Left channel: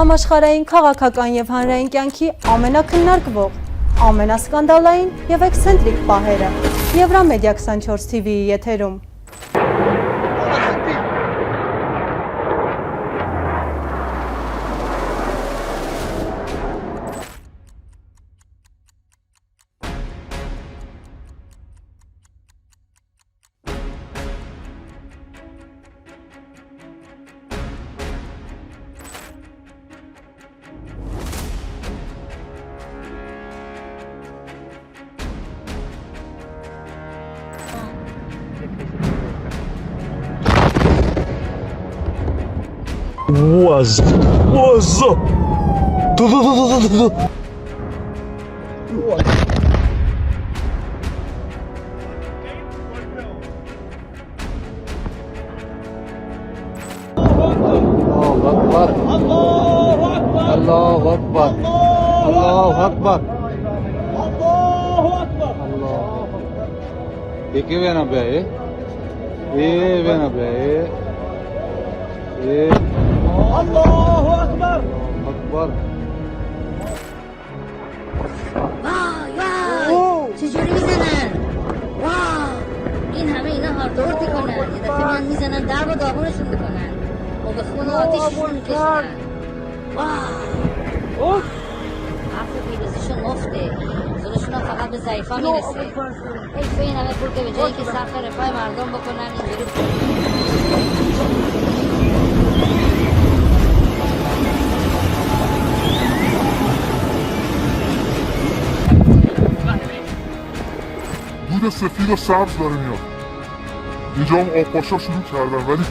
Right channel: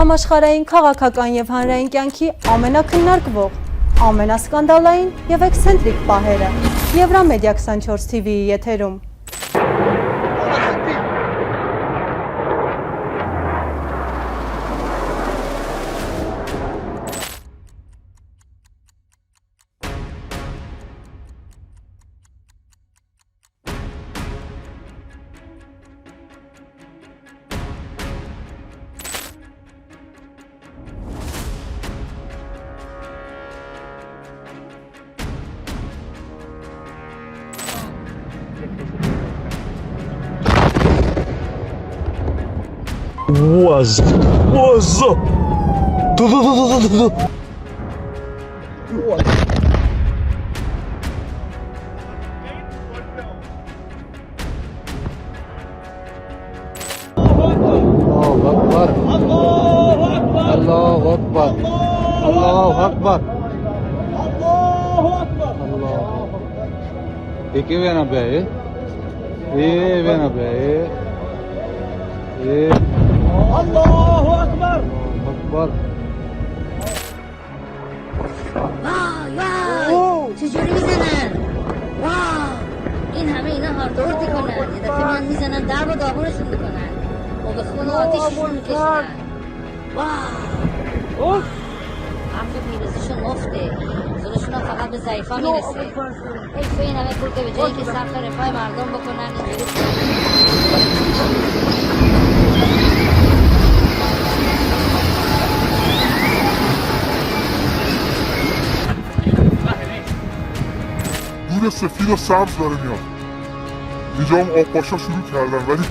Համաշխարհային քաղաքական եւ հանրային կյանքի ամենակննարկվող, ամենասկանդալային եւ էքսենտրիկ պահերը Եվրամեդիա 24 TV-ի եթերում։ What's up? چجوری میزنن؟ واو این همه اینا هاردورد میکنن یه دفعه میان میزنن درب و داغونشون میکنن و به خون و آتیششون میکشن واو حرف پیروزیشون مفته زورشون هم فقط به ضعیفا میرسه حیفه این همه پول که به جایی که سقف رفاه مردم بکنن اینجوری دود سفید و سبز داره میاد. اینجا هم آبپاشا شروع کردن ولی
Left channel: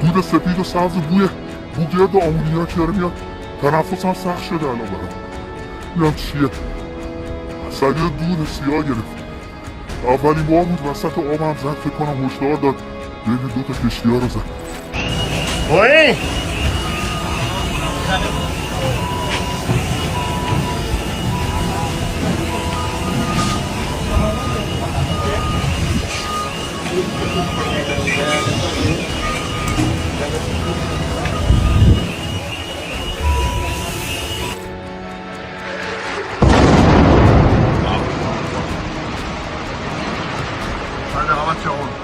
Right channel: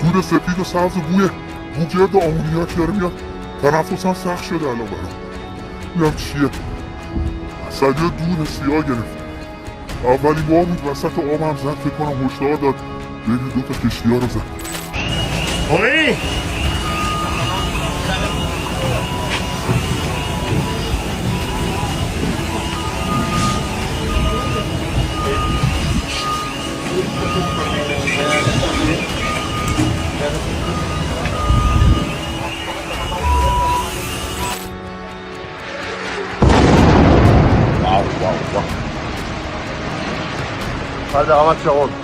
دود سفید و سبز و بوی گرد آمونیاکی داره میاد. تنفسم سخت شده الان برام. اینم چیه؟ سگه دود سیاه گرفت. اولین بار بود وسط آبم زد فکر کنم هشدار داد بین دو تا کشتی‌ها رو زد. Oi! Hadi amaç yoğun.